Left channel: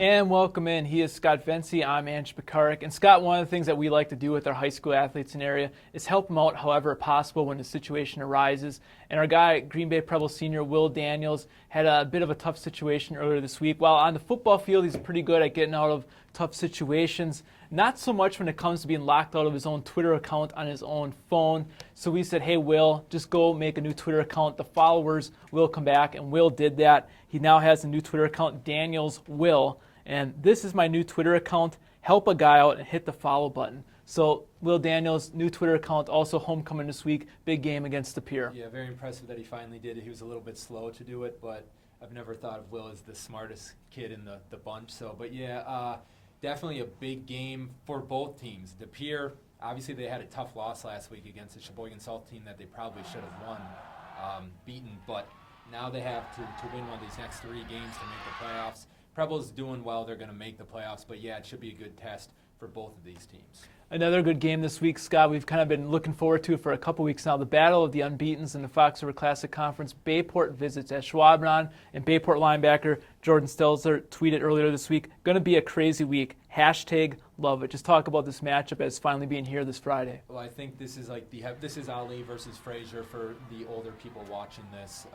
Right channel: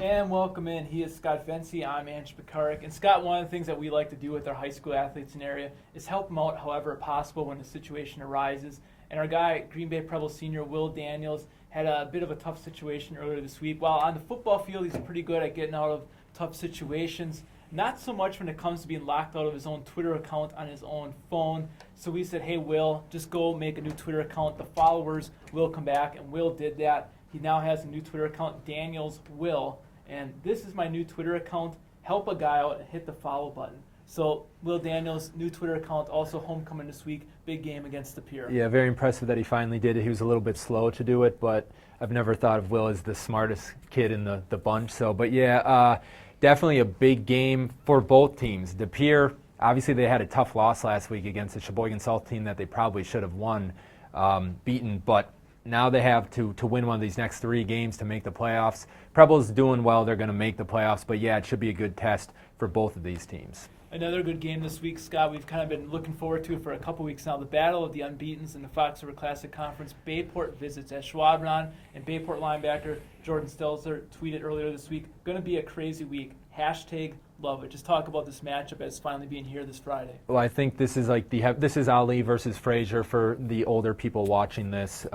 And welcome in. He is Scott Vency. I'm Ange Pekarik. And Scott, one of the things that we like to do with our high school athletes in the area is help them out however possible when a situation arises. And our guy, Green Bay Preble senior Will Daniels, had a bit of a tough situation earlier this week. While on the football field, he's pretty good at getting out of tough situations. Not so much when it comes to being locked out of his own Twitter account on his own phone. So we said, hey, Will, just go make a new Twitter account. The followers will come back, and Will did that. He now has a new Twitter account, Daniels Will. And this is my new Twitter account. Help a guy out and hit the follow button. So Will Daniels, new Twitter account, also homecoming this week, big game against the Pier. Yeah, very impressive that he finally did it. He was a little bit slow to do it, but I've never thought of Will as the smartest kid in the bunch. So, but yeah, definitely a big game for both teams. The Pier, obviously they had a tough loss last week against the Sheboygan South team that they probably should have beaten, but now they have to win one of these next 3 games to make the playoffs. Preble's doing well. They're going to make the playoffs. But, yeah, it should be a good test for both of these teams. Another good game this week, Scott, we've kind of been looking forward to for a couple weeks now. The battle of the unbeatens in the Fox River Classic Conference. Bayport visits Ashwaubenon, and Bayport linebacker Jordan Stelzer tweeted earlier this week, going to be a crazy week. # love it. Just talk about this matchup as finally being here this Friday. Well, I think this is like this is Ali versus Frazier for the older people watching this.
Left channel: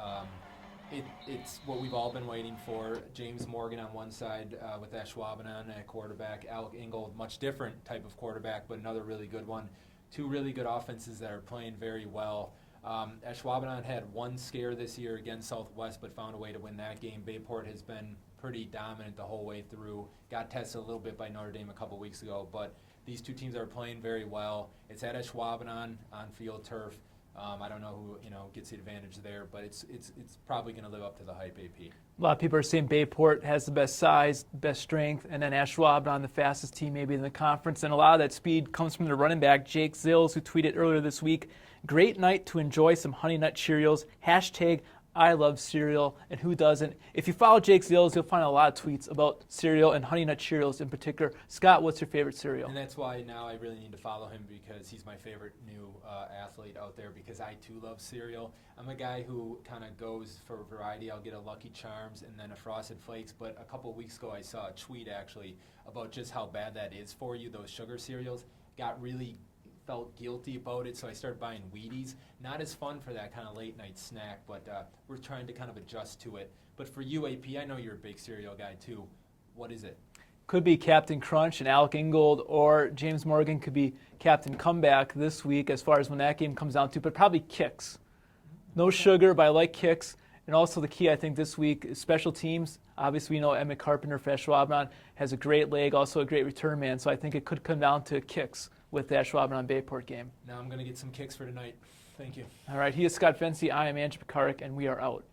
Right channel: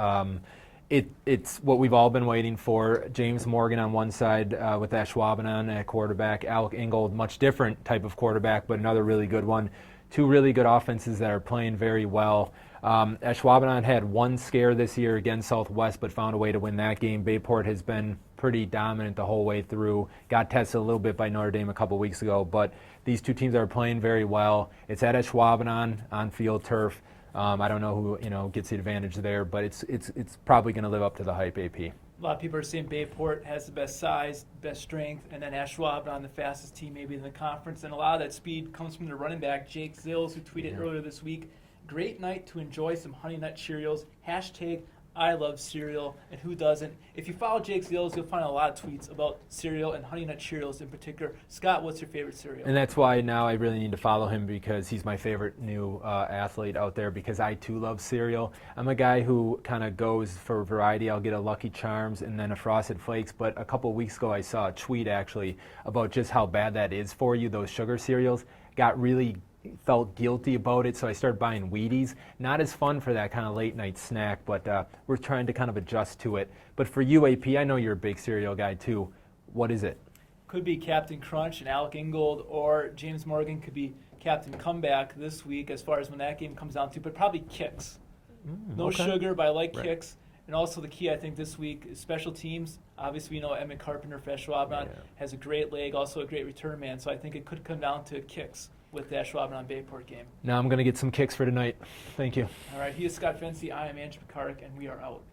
It's what we've all been waiting for. James Morgan on one side with Ashwaubenon at quarterback. Alec Ingold, much different type of quarterback, but another really good one. 2 really good offenses that are playing very well. Ashwaubenon had one scare this year against Southwest, but found a way to win that game. Bayport has been pretty dominant the whole way through. Got tested a little bit by Notre Dame a couple weeks ago, but these 2 teams are playing very well. It's at Ashwaubenon on field turf. I don't know who gets the advantage there, but it's probably going to live up to the hype. AP. A lot of people are saying Bayport has the best size, best strength, and then Ashwaubenon the fastest team maybe in the conference. And a lot of that speed comes from the running back Jake Zills, who tweeted earlier this week, "Great night to enjoy some Honey Nut Cheerios. # I love cereal," and who doesn't? If you follow Jake Zills, you'll find a lot of tweets about cereal and Honey Nut Cheerios in particular. Scott, what's your favorite cereal? And that's why now I really need to follow him, because he's my favorite new athlete out there, because I too love cereal. I'm a guy who kind of goes for variety. I'll get a Lucky Charms and then a Frosted Flakes, but a couple weeks ago I saw a tweet actually about just how bad that is for you, those sugar cereals. Felt guilty about it, so I started buying Wheaties. Not as fun for that kind of late night snack, but we're trying to kind of adjust to it. But for you, AP, I know you're a big cereal guy too. What is it? Could be Captain Crunch and Alec Ingold, or James Morgan could be Captain Comeback this week as far as when that game comes down to, but probably Kix. No sugar, but I like Kix. And also the key, I think, this week is special teams. Obviously, we know Emmett Carpenter for Ashwaubenon has a great leg, also a great return man, so I think it could come down to Kix with the Ashwaubenon Bayport game. Now I'm going to get some kicks for tonight. Thank you. All right, he is Scott Vency. I am Ange Pekarik, and we are out.